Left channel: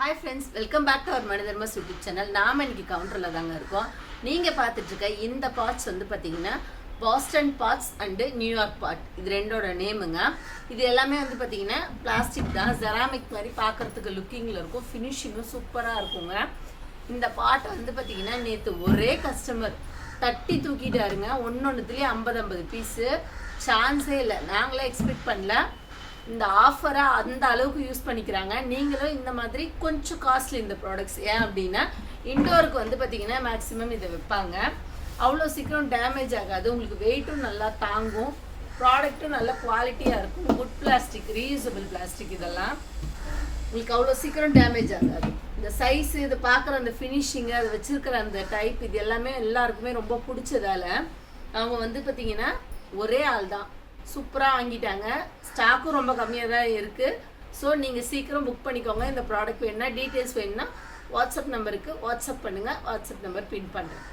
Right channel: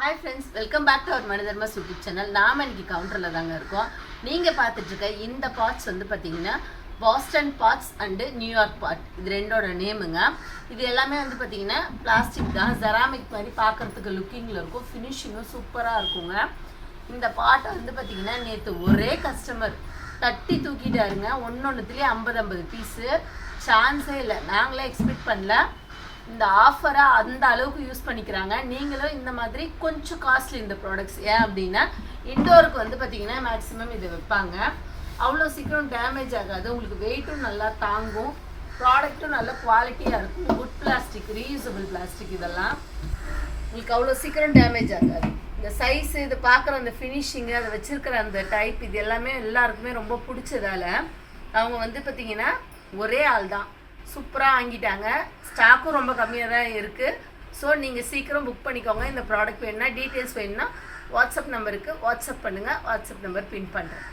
Hi friends, welcome back to our மனிதர்மஸ் YouTube channel. நாம் இன்னைக்கு கவுண்டரில் தாங்க இருக்கோம். நீங்கள் பார்த்துட்ருக்க இந்த பார்ட்ஸ் வந்து பார்த்தீங்கன்னா Boston parts and New York part, இது ரெண்டோட நேமுங்க. இது எல்லாமே வந்து பார்த்தீங்கன்னா பிளாஸ்டிக் தான், ஜெராமிக் மாதிரி பார்க்குறதுக்கு லுக்கிங்கில் இருக்கும், ஃபினிஷிங்கும் சூப்பராக இருக்குங்க. இந்த பாட்டை வந்து பார்த்தீங்கன்னா நேற்று ஒரே கஸ்டமர் தட்டி தூக்கிட்டாருங்க. ஒன்றுத்துலேயே 50 பீஸு, சான்ஸே இல்லை. நாங்களே எக்ஸ்பெக்ட் பண்ணல. இந்த ஆஃபரை அந்த அளவுக்கு யூஸ் பண்ணிக்கிறாங்க. நீங்களும் இந்த மாதிரி கொஞ்சம் காஸ்ட்லி இந்த ப்ராடக்ட்ஸ். ஏன் அப்படின்னா இண்டோருக்கு வந்து பார்த்தீங்கன்னா மேக்ஸிமம் இதை வைப்பாங்க. அவ்வளோ சீக்கிரம் டேமேஜ் ஆகாது, உங்களுக்கு வெயிட்டும் நல்லா தாங்கும், ப்ராடக்ட்டும் நல்ல குவாலிட்டியாக இருக்கும். குட் பிளாஸ்டிக், ரீயூசபிள் பிளாஸ்டிக், இதெல்லாம் உங்களுக்கு அவ்வளோ சீக்கிரம் டேமேஜ் ஆகாது. இந்த சைஸு, இது பார்க்குற அந்த ஃபினிஷிங்கு, அதை வச்சுருக்கிற அந்த டைப், இது எல்லாமே எல்லாருக்குமே ரொம்ப பிடிச்சதால அவங்க வந்து பார்த்தீங்கன்னா ஒரே ஆள் தான் சூப்பராக வாங்கிட்டாங்க. ஸ்டாக்கும் ரொம்ப கம்மியாக தான் இருக்குது. ஸோ நீங்கள் சீக்கிரம் புக் பண்ணிக்கோங்க. இந்த ப்ராடக்ட் வேணுன்னா, டீட்டெயில்ஸ் வேணுன்னா வாட்ஸ்அப் நம்பருக்கு வாட்ஸ்அப் பண்ணுங்கள். வாட்ஸ்அப் நம்பர் பின் பண்ணுறேன்.